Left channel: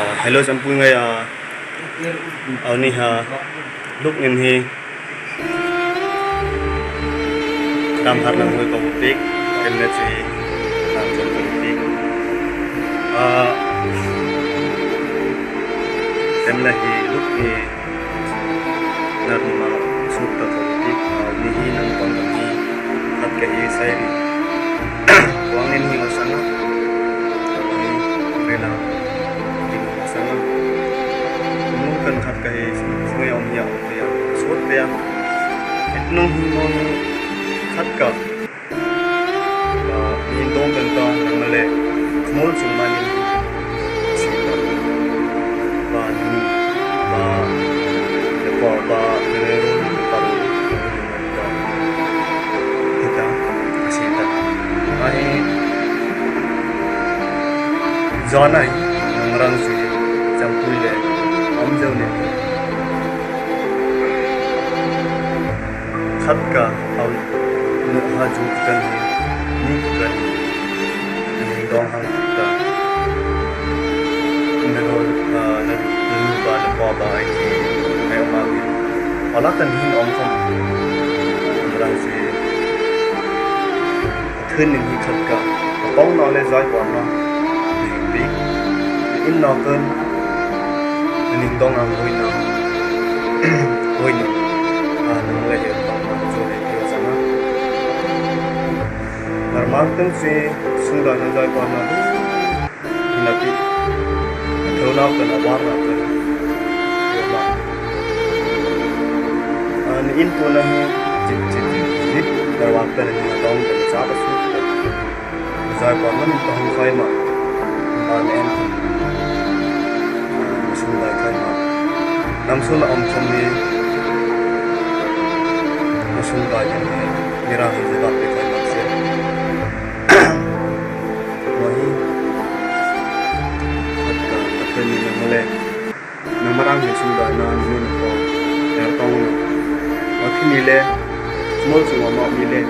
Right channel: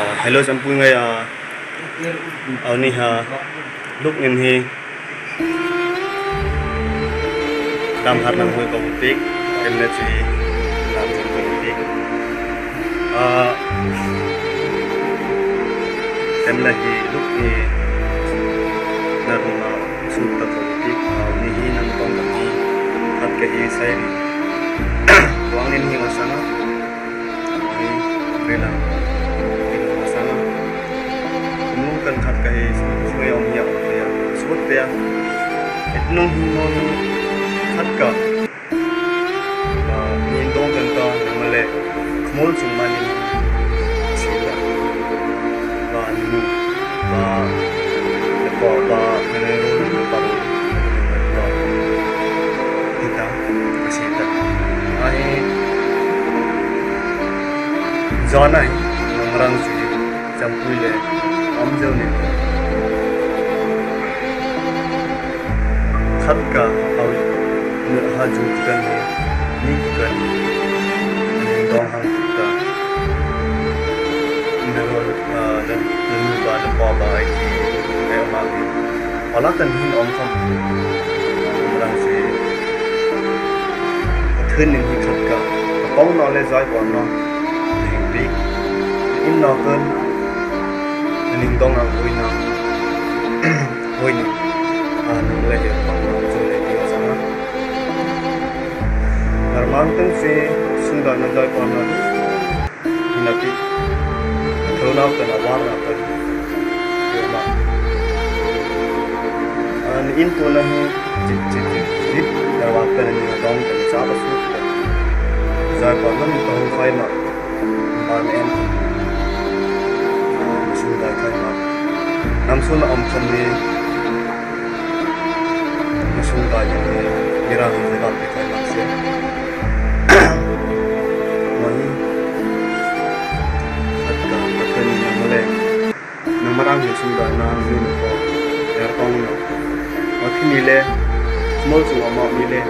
hello sampu ngai ni ha lúc ngin hi tam har nang hoi ko pik em na chi nam chom ko pik em la hi lúc ni na ma sut ta ko pik ni hi nang tong ka ni hat ka hi sai ni wang nin hi masanga ni rela kan hat kai sungai om ya ya sut ya etnong himon hat ka nin dong kan ta namale khmol chungmanin sita ba ni ba le pa ba ne ro ne pa ro ta kita sita ai zona namrang su jampuile हम जो ने खत का और हा जुट कर है निक कर दो हम का नरोल ननु बाल पाबा की मैं मांगी अला तन हिन ओम खम रंग से थन नि खत का पांग नॉलेज जाय पर न बी इन नॉकन ning dong ang hoi ni nang le he pang na jo le ti sana normal teng se sunda na jai pa na hinati thona ka na war na ka yo ma an in to na he chit darwa ka ni na dong ka cha ba su ka jai pa na ni tong khai ma ban en đại khai mạc năm xuân ông không đi năm xuân đại những người ra thì sẽ đặt để khai mạc xem nói tất cả các cái nhìn nó lên nó mà đang hiện xuân đại nó như nó có để tông nó khi mi lên mỗi sự mà mi lên